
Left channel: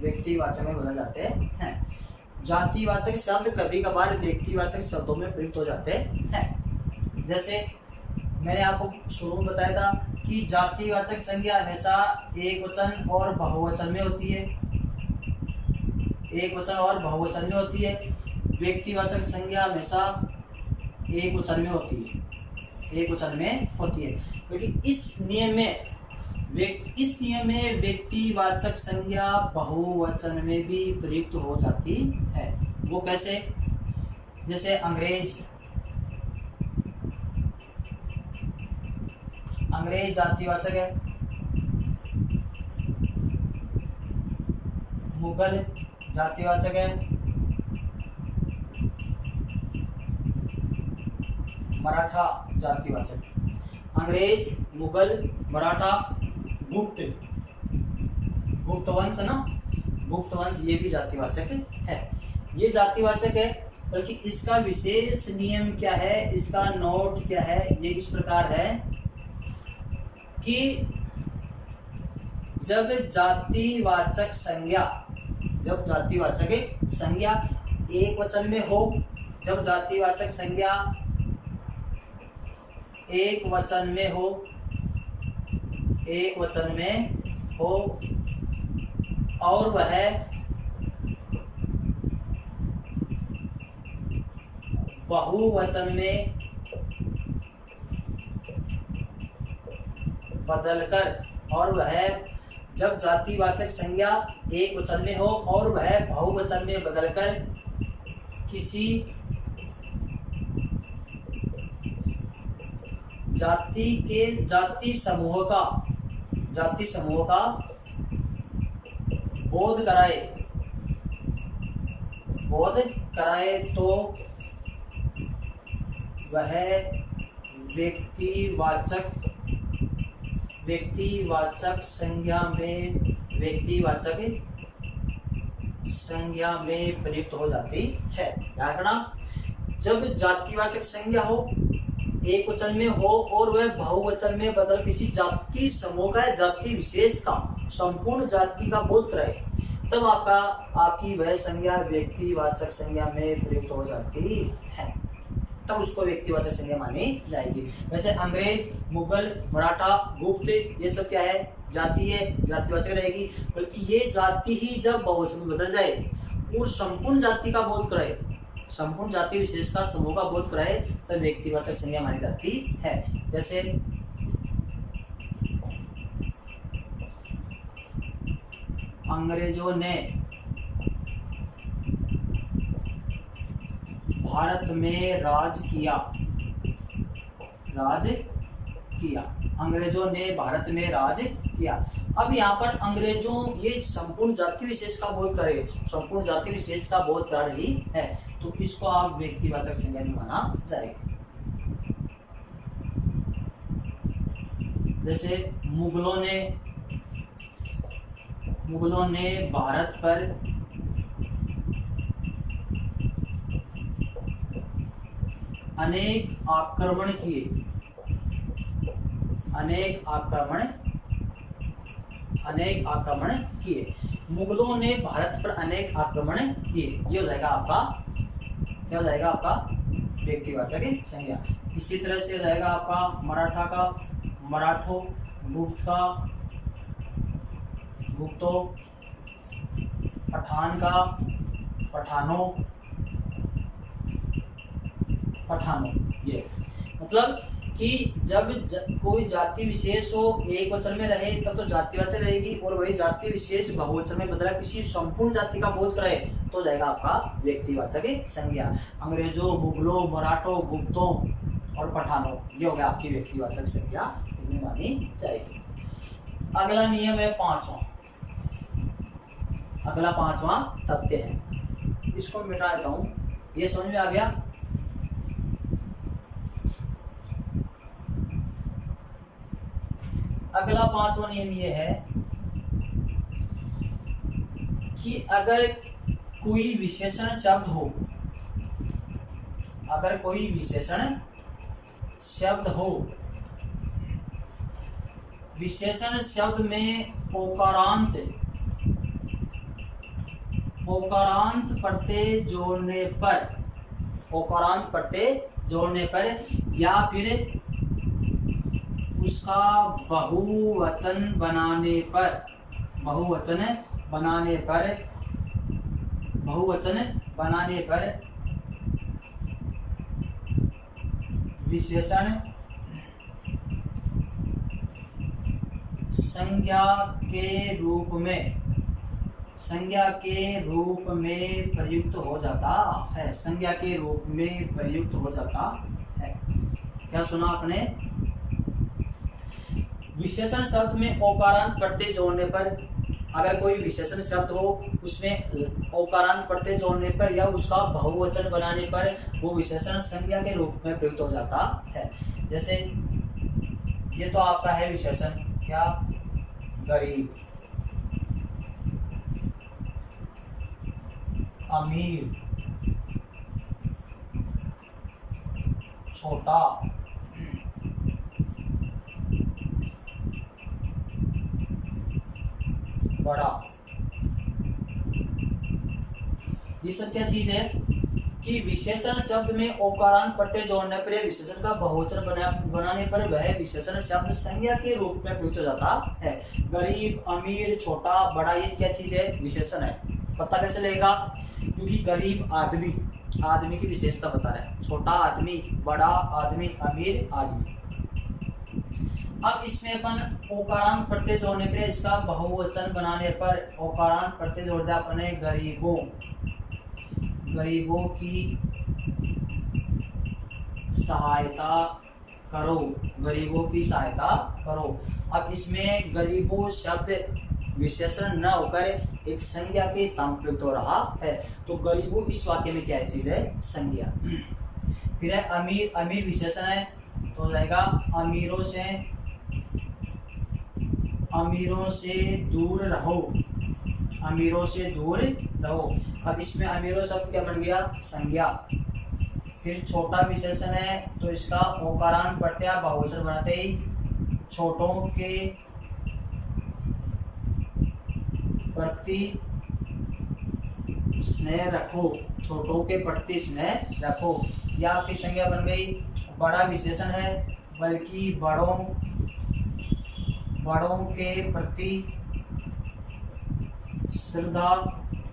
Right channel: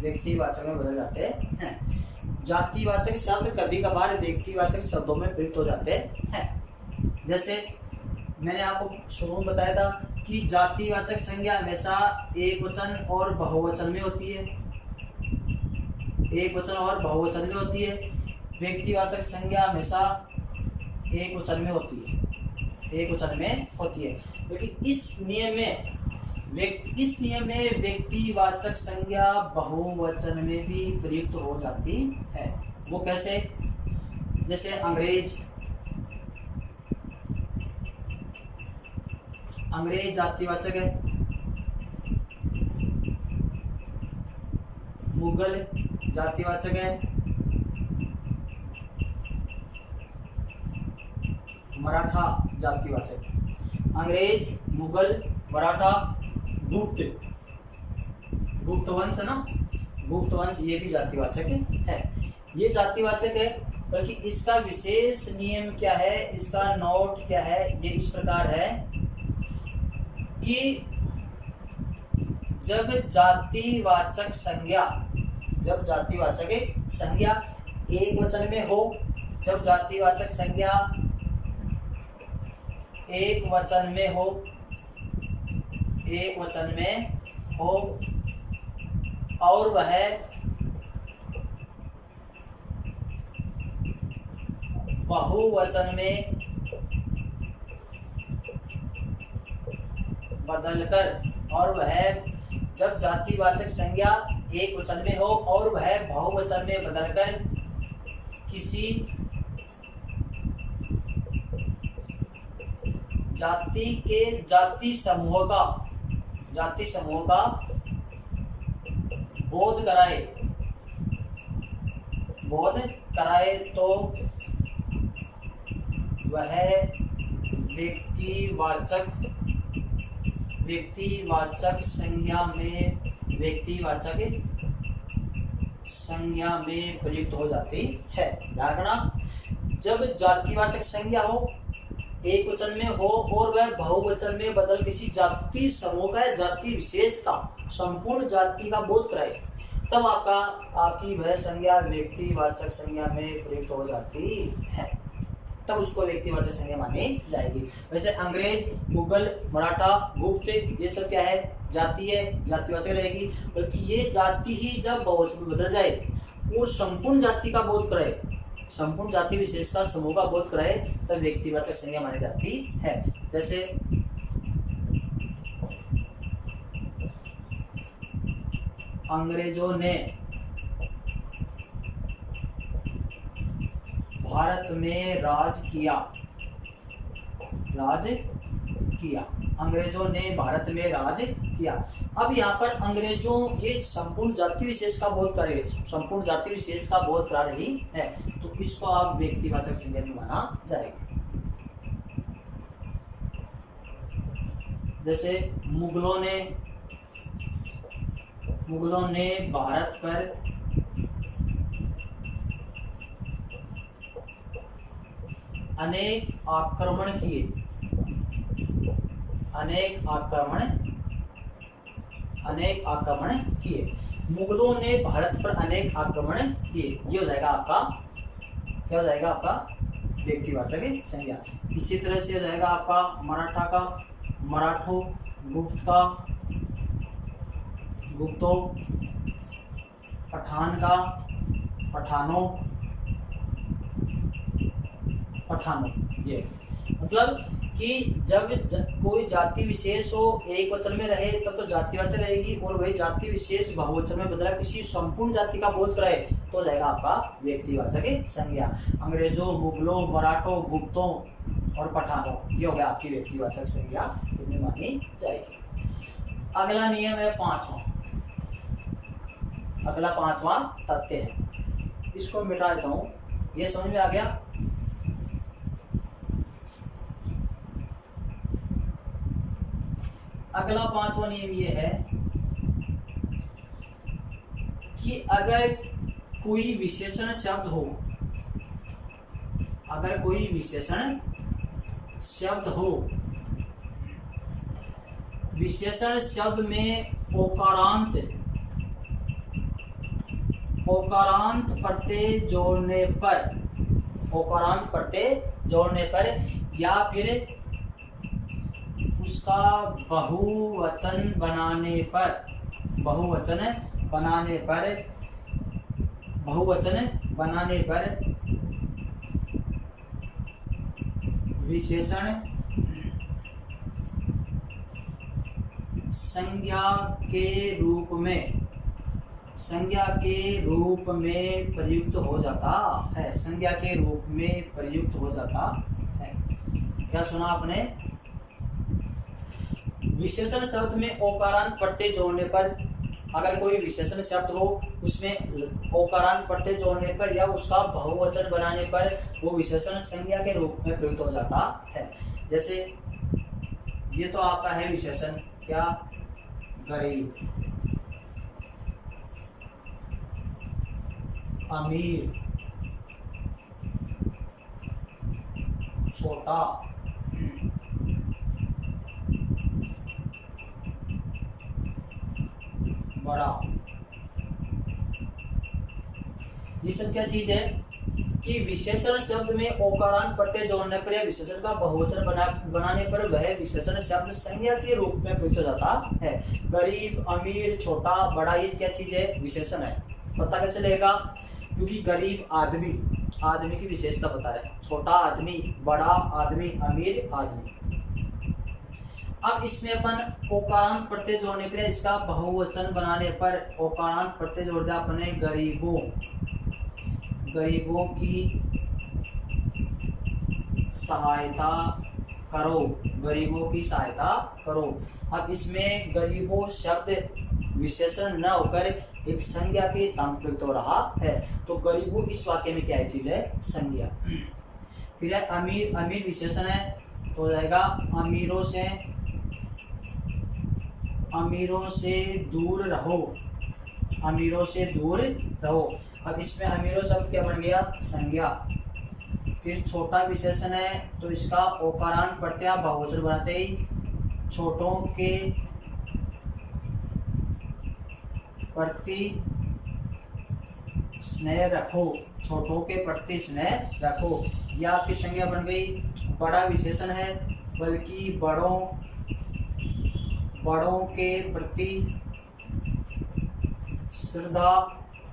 व्यक्तिवाचक में बदल जाते हैं। जातिवाचक शब्द कभी कभार व्यक्तिवाचक शब्दों में प्रयुक्त हो जाते हैं। जैसे मैंने आपको शुरू में बताया था कि जातिवाचक संज्ञा हमेशा एक वचन और बहुवचन में होती है। एक वचन और बहुवचन में होती है। व्यक्तिवाचक संज्ञा हमेशा एक वचन में होती है। एक वचन में होती है, क्योंकि इस नियम में व्यक्तिवाचक संज्ञा बहुवचन में भी प्रयुक्त हो जाती है। वो कैसे? जैसे अंग्रेज जातिवाचक है। मुगल जातिवाचक है। मराठा जातिवाचक। अंग्रेज, मुगल, मराठा, गुप्त वंश ना, गुप्त वंश, ये भी जातिवाचक है। ये जातिवाचक है, बल्कि इसका विशेष नियम क्या है, इसका नोट क्या है, ये इस प्रकार है कि जब जातिवाचक संज्ञा एक वचन में हो, जब जातिवाचक संज्ञा एक वचन में हो और वह बहुवचन में बदलकर, और वह जब जातिवाचक संज्ञा एक वचन में हो और वह बहुवचन में बदलकर किसी जाति समूह का बोध कराए तो वह व्यक्तिवाचक संज्ञा में प्रयुक्त हो जाती है। ध्यान रखना, जब जातिवाचक संज्ञा हो, एक वचन में हो और वह बहुवचन में बदल किसी जाति समूह का या जाति विशेष का संपूर्ण जाति का बोध कराए, तब आपकी वह संज्ञा व्यक्तिवाचक संज्ञा में प्रयुक्त हो जाती है। तब उसको व्यक्तिवाचक संज्ञा मानी जाएगी। वैसे अंग्रेज, मुगल, मराठा, गुप्त, ये सब क्या है? जाति है, जातिवाचक रहेगी। बल्कि ये जाति ही जब बहुवचन में बदल जाए और संपूर्ण जाति का बोध कराए, संपूर्ण जाति विशेष का समूह का बोध कराए, तब व्यक्तिवाचक संज्ञा मानी जाती है। जैसे अंग्रेजों ने भारत में राज किया। अंग्रेजों ने भारत में राज किया। अब यहाँ पर अंग्रेजों, ये संपूर्ण जाति विशेष का बोध कर रही, संपूर्ण जाति विशेष का बोध करा रही है, तो इसको आप व्यक्तिवाचक संज्ञा में माना जाएगा। जैसे मुगलों ने भारत पर अनेक आक्रमण किए। मुगलों ने भारत पर अनेक आक्रमण किए, ये हो जाएगा आपका, क्या हो जाएगा आपका? व्यक्तिवाचक संज्ञा। इसी तरह से हो जाएगा आपका मराठा का मराठो, गुप्त का गुप्तो, पठान का पठानो। ये मतलब कि जब कोई जाति विशेष हो, एक वचन में रहे, तब तो जातिवाचक रहेगी, और वही जाति विशेष बहुवचन में बदला किसी संपूर्ण जाति का बोध कराए, तो हो जाएगा आपका व्यक्तिवाचक संज्ञा। अंग्रेजों, मुगलों, मराठों, गुप्तों और पठानों, ये हो गया आपकी व्यक्तिवाचक संज्ञा, इनमें मानी जाएगी। अगला नियम है पांचवा, अगला पांचवा तथ्य है, इसको मिटा देता हूं। ये समझ में आ गया? अगला पांचवा नियम ये है कि अगर कोई विशेषण शब्द हो, अगर कोई विशेषण शब्द हो, विशेषण शब्द में ओकारांत प्रत्यय जोड़ने पर, ओकारांत प्रत्यय जोड़ने पर या फिर उसका बहुवचन बनाने पर, बहुवचन बनाने पर, बहुवचन बनाने पर विशेषण संज्ञा के रूप में, संज्ञा के रूप में प्रयुक्त हो जाता है, संज्ञा के रूप में प्रयुक्त हो जाता है। क्या सुना आपने? विशेषण शब्द में ओकारांत प्रत्यय जोड़ने पर, अगर कोई विशेषण शब्द हो उसमें ओकारांत प्रत्यय जोड़ने पर या उसका बहुवचन बनाने पर वो विशेषण संज्ञा के रूप में प्रयुक्त हो जाता है। जैसे ये तो आपका है विशेषण, क्या? गरीब, अमीर, छोटा, बड़ा। ये सब क्या चीज है कि विशेषण शब्द में ओकारांत प्रत्यय जोड़ने पर या विशेषण का बहुवचन बनाने पर वह विशेषण शब्द संज्ञा के रूप में प्रयुक्त हो जाता है। गरीब, अमीर, छोटा, बड़ा, ये क्या चीज है? विशेषण है। पता कैसे लगेगा? क्योंकि गरीब आदमी, आदमी की विशेषता बता रहा है, छोटा आदमी, बड़ा आदमी, अमीर आदमी। अब इसमें अपन ओकारांत प्रत्यय जोड़ने पर, इसका बहुवचन बनाने पर ओकारांत प्रत्यय जोड़ दिया अपने गरीबों, गरीबों की सहायता करो, गरीबों की सहायता करो। अब इसमें गरीबों शब्द विशेषण न होकर एक संज्ञा के स्थान पर प्रयुक्त हो रहा है, तो गरीबों इस वाक्य में क्या है? चीज है संज्ञा। फिर है अमीर, अमीर विशेषण है तो हो जाएगा अमीरों से, अमीरों से दूर रहो, अमीरों से दूर रहो। अब इसमें अमीरों शब्द क्या बन गया? संज्ञा। फिर छोटा विशेषण है तो इसका ओकारांत प्रत्यय बहुवचन बनाते ही छोटों के प्रति स्नेह रखो, छोटों के प्रति स्नेह रखो। यह आपकी संज्ञा बन गई। बड़ा विशेषण है बल्कि बड़ों के प्रति श्रद्धा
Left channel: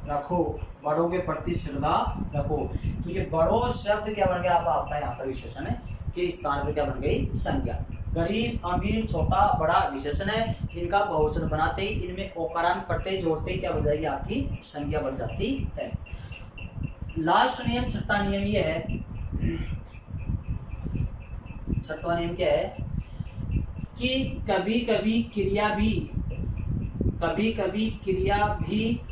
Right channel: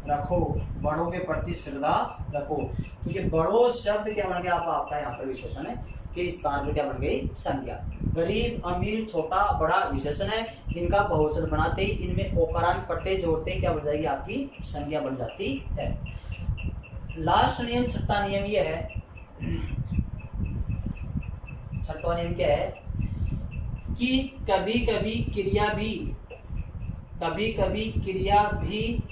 रखो, बड़ों के प्रति श्रद्धा रखो। क्योंकि बड़ों शब्द क्या बन गया? आपका यहाँ पर विशेषण है के स्थान पर क्या बन गई? संज्ञा। गरीब, अमीर, छोटा, बड़ा विशेषण है, इनका बहुवचन बनाते ही इनमें ओकारांत प्रत्यय जोड़ते ही क्या बन जाएगी? आपकी संज्ञा बन जाती है। लास्ट नियम, छठा नियम ये है, छठा नियम क्या है कि कभी कभी क्रिया भी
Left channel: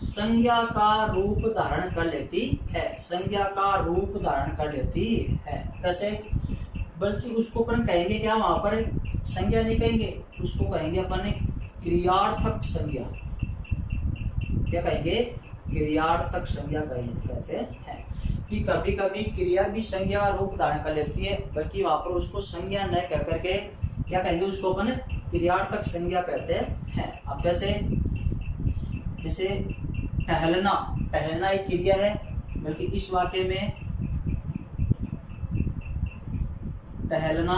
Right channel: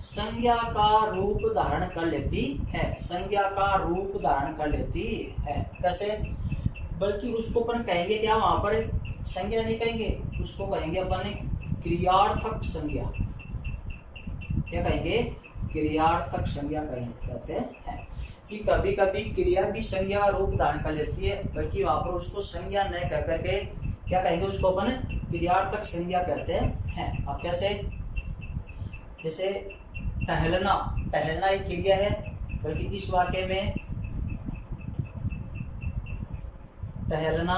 संज्ञा का रूप धारण कर लेती है, संज्ञा का रूप धारण कर लेती है। कैसे? बल्कि उसको अपन कहेंगे क्या? वहां पर संज्ञा नहीं कहेंगे, उसको कहेंगे अपन क्रियार्थक संज्ञा। क्या कहेंगे? क्रियार्थक संज्ञा कहते हैं कि कभी कभी क्रिया भी संज्ञा का रूप धारण कर लेती है, बल्कि वहां पर उसको संज्ञा न कह करके क्या कहेंगे? उसको अपन क्रियार्थक संज्ञा कहते हैं। अब कैसे? जैसे टहलना, टहलना एक क्रिया है, बल्कि इस वाक्य में टहलना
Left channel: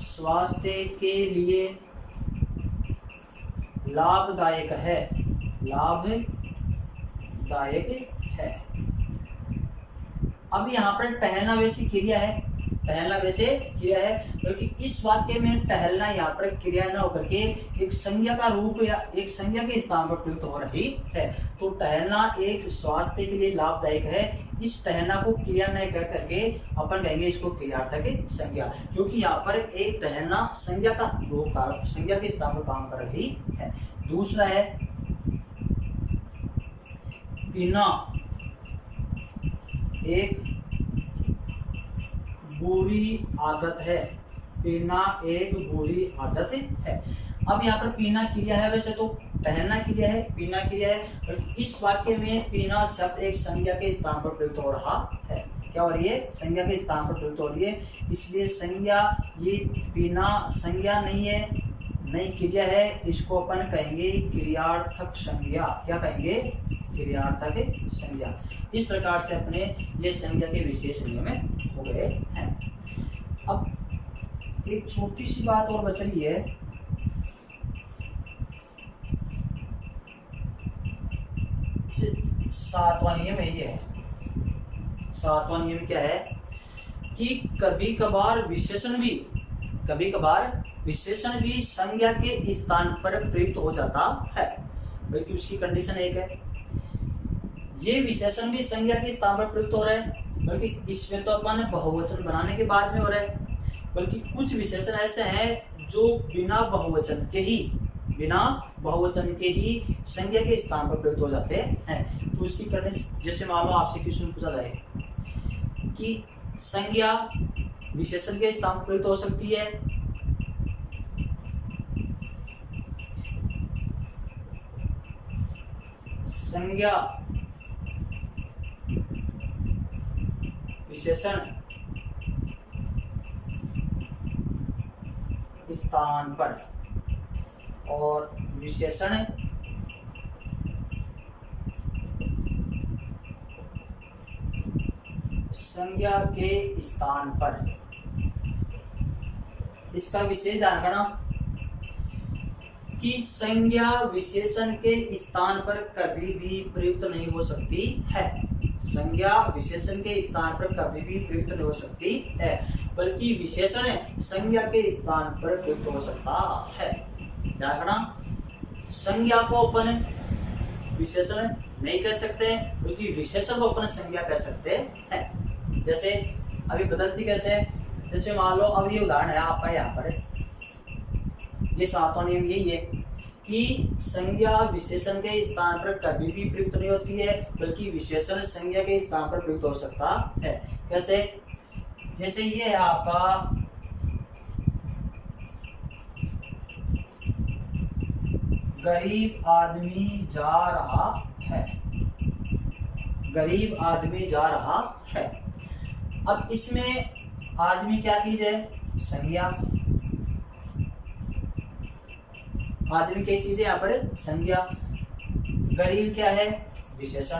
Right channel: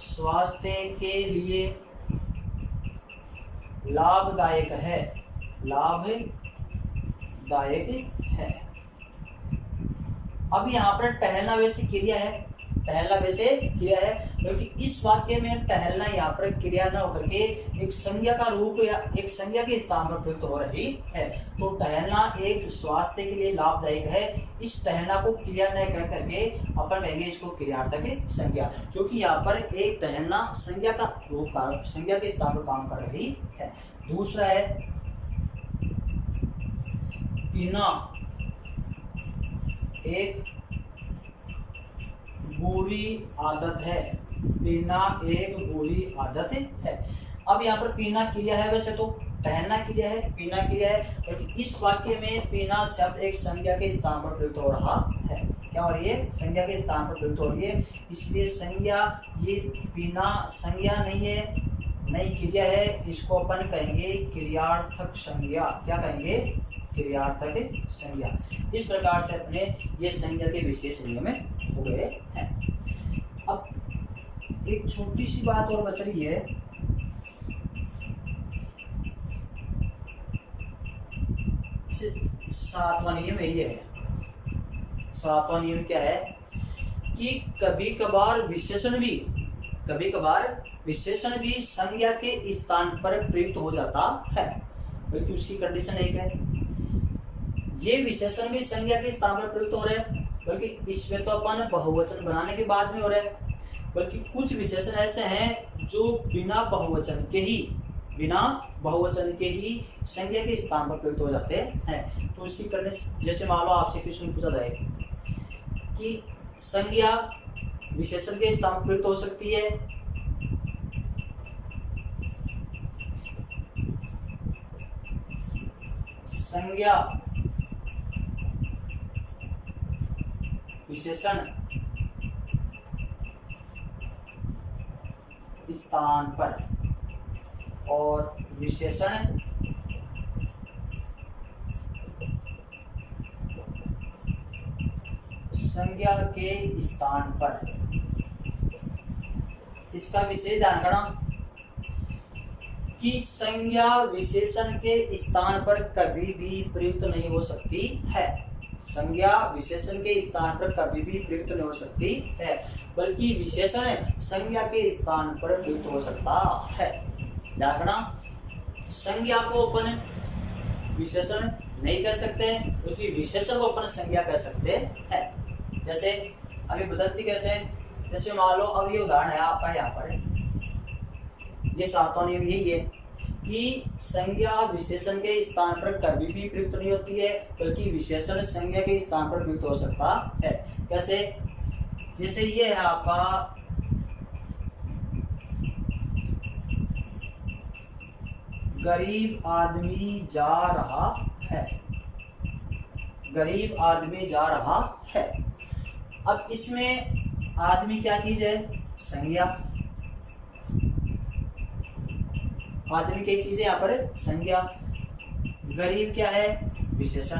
स्वास्थ्य के लिए लाभदायक है, लाभदायक है। अब यहाँ पर टहलना वैसी क्रिया है, टहलना वैसे क्रिया है, बल्कि इस वाक्य में टहलना यहाँ पर क्रिया न होकर के एक संज्ञा का रूप या एक संज्ञा के स्थान पर प्रयुक्त हो रही है। तो टहलना एक स्वास्थ्य के लिए लाभदायक है। इस टहलना को क्रिया न कह करके अपन कहेंगे इसको क्रियार्थक संज्ञा, क्योंकि यहाँ पर एक टहलना संज्ञा का रूप का संज्ञा के स्थान पर काम कर रही है। दूसरा है पीना एक बुरी आदत है। पीना एक बुरी आदत है। अब यहाँ पर पीना क्रिया है, वैसे तो टहलना क्रिया है, पीना क्रिया है, बल्कि इस वाक्य में पीना शब्द एक संज्ञा के स्थान पर प्रयुक्त हो रहा है। क्या हो रही है? संज्ञा के स्थान पर प्रयुक्त हो रही है, इसलिए संज्ञा, ये पीना संज्ञा नहीं है, नई क्रिया है, इसको अपन कहेंगे क्रियार्थक संज्ञा। क्या कहेंगे? क्रियार्थक संज्ञा। इस प्रकार से अपने ये संज्ञा के विशेष नियम हो गए हैं। अब एक छोटी सी बात और बच रही है, सातवां नियम यही है। सातवां नियम क्या है कि कभी कभार विशेषण भी संज्ञा के स्थान पर प्रयुक्त हो जाता है, बल्कि उसकी कंडीशन एक है, ये विशेषण भी संज्ञा के स्थान पर प्रयुक्त हो रहे हैं, बल्कि इसमें तो अपन बहुवचन बनाने के बाद में हो रहे हैं, बल्कि कुछ विशेषण ऐसे हैं जो बिना बहुवचन के ही संज्ञा के स्थान पर प्रयुक्त हो जाते हैं। तो उसकी कंडीशन, जैसे मान लो आपसे क्वेश्चन पूछा जाए कि संज्ञा विशेषण के स्थान पर प्रयुक्त हो सकती है, संज्ञा विशेषण स्थान पर और विशेषण संज्ञा के स्थान पर। इसका विशेष ध्यान रखना कि संज्ञा विशेषण के स्थान पर कभी भी प्रयुक्त नहीं हो सकती है। संज्ञा विशेषण के स्थान पर कभी भी प्रयुक्त नहीं हो सकती है, बल्कि विशेषण संज्ञा के स्थान पर प्रयुक्त हो सकता है। ध्यान रखना, संज्ञा को अपन विशेषण नहीं कह सकते, बल्कि विशेषण को अपन संज्ञा कह सकते हैं। जैसे अभी बदलती कैसे, जैसे मान लो अब ये उदाहरण है आपका, यहाँ पर ये सातवां नियम यही है कि संज्ञा विशेषण के स्थान पर कभी भी प्रयुक्त नहीं होती है, बल्कि विशेषण संज्ञा के स्थान पर प्रयुक्त हो सकता है। कैसे? जैसे ये है आपका गरीब आदमी जा रहा है। गरीब आदमी जा रहा है। अब इसमें आदमी क्या चीज है? संज्ञा। आदमी क्या चीज है यहाँ पर? संज्ञा। गरीब क्या है? विशेषण।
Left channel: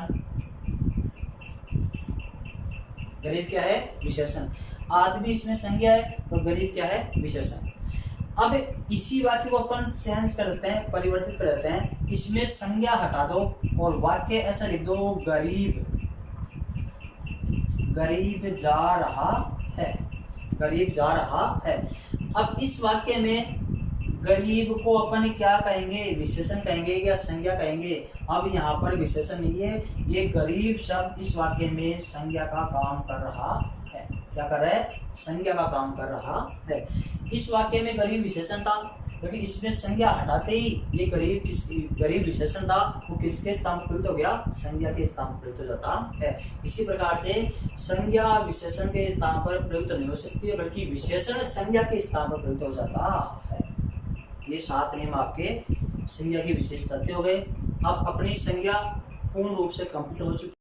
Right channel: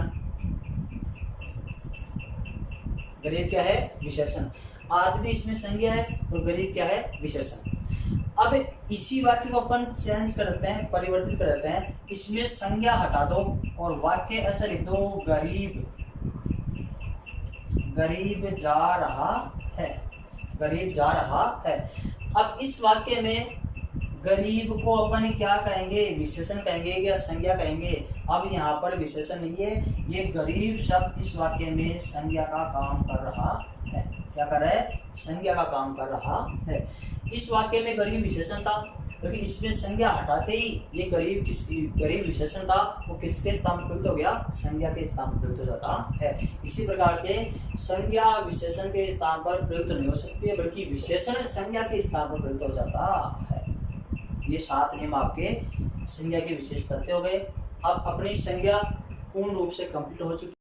गरीब क्या है? विशेषण। आदमी इसमें संज्ञा है तो गरीब क्या है? विशेषण। अब इसी वाक्य को अपन चेंज कर देते हैं, परिवर्तित कर देते हैं, इसमें संज्ञा हटा दो और वाक्य ऐसा लिख दो, गरीब जा रहा है। गरीब जा रहा है। अब इस वाक्य में गरीब को अपन क्या कहेंगे? विशेषण कहेंगे या संज्ञा कहेंगे? अब यहाँ पर विशेषण नहीं है, ये गरीब शब्द इस वाक्य में संज्ञा का काम कर रहा है। क्या कर रहा है? संज्ञा का काम कर रहा है। इस वाक्य में गरीब विशेषण था, क्योंकि इसमें संज्ञा हटाते ही ये गरीब विशेषण था, वो किसके स्थान पर प्रयुक्त हो गया? संज्ञा के स्थान पर प्रयुक्त हो जाता है। इसी प्रकार से संज्ञा विशेषण के स्थान पर प्रयुक्त नहीं हो सकती है, बल्कि विशेषण संज्ञा के स्थान पर प्रयुक्त हो जाता है। ये 7 नियम आपके संज्ञा के विशेष तथ्य हो गए। अब अपनी संज्ञा पूर्ण रूप से कंप्लीट हो चुकी।